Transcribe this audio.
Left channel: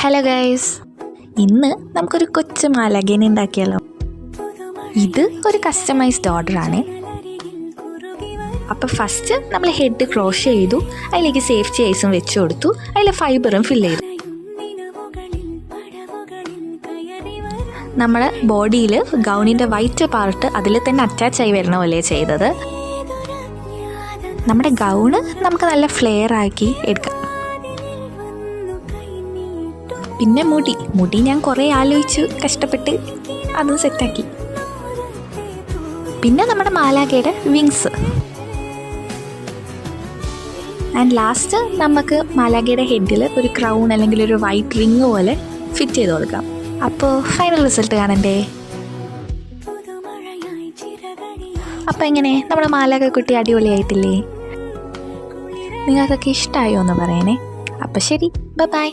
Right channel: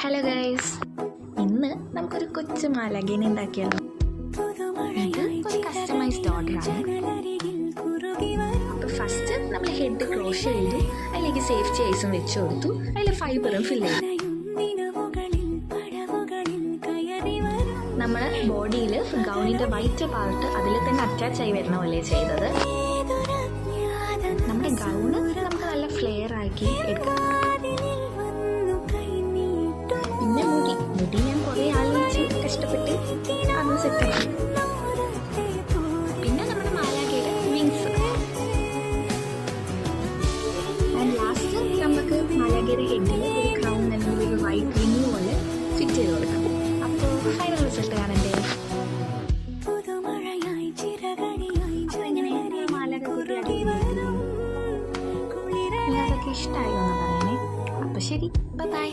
Hello guys, ഇന്ന് നമുക്കൊരു കൊച്ചു മാലാഖേനെ ഉണ്ടാക്കിയാലോ. ഇത് ഒരു കസ്റ്റമൈസ്ഡ് ഓർഡറാണ്. അപ്പോൾ ഫസ്റ്റ് നമ്മൾ ഹെഡ് ക്രോഷ് ചെയ്തു, അതിലേക്ക് സേഫ്റ്റി ഐസും വെച്ച് കൊടുത്തു, അതിൽ ഫൈബറും ഫില്ല് ചെയ്തു. നമ്മുടെ ബോഡിയിൽ ഗൗണിൻ്റെ വൈറ്റ് പാർട്ട് അതിൽ തന്നെ അറ്റാച്ച് ആയി വരണ പോലെ ചെയ്തത്. നമ്മുടെ ഗൗണ് നമുക്ക് നല്ല ഫ്ലെയർ ആക്കി എടുക്കാം. പിന്നെ മുടി ഞാൻ കുറേ ആലോചിച്ചു കഷ്ടപ്പെട്ട് അതും സെറ്റാക്കി. പിന്നെ നമ്മുടെ മാലാഖയുടെ വിങ്സ്. ആൻഡ് ലാസ്റ്റ് നമുക്ക് മാലാഖയുടെ ഹെഡിൽ ഒരു ക്രൗൺ അല്ലെങ്കിൽ ഒരു വൈറ്റ് റിങ് പോലെ ഫിറ്റ് ചെയ്ത് കൊടുക്കാം. അപ്പോൾ ഫൈനൽ റിസൾട്ട് കാണണ്ടേ. അപ്പോൾ എങ്ങനെ നമ്മുടെ മാലാഖ കുട്ടി അടിപൊളിയായിട്ടില്ലേ? നിങ്ങൾക്കൊക്കെ ഇഷ്ടമായോ എന്ന് പറയണേ. അപ്പോൾ ശരി, ബൈ.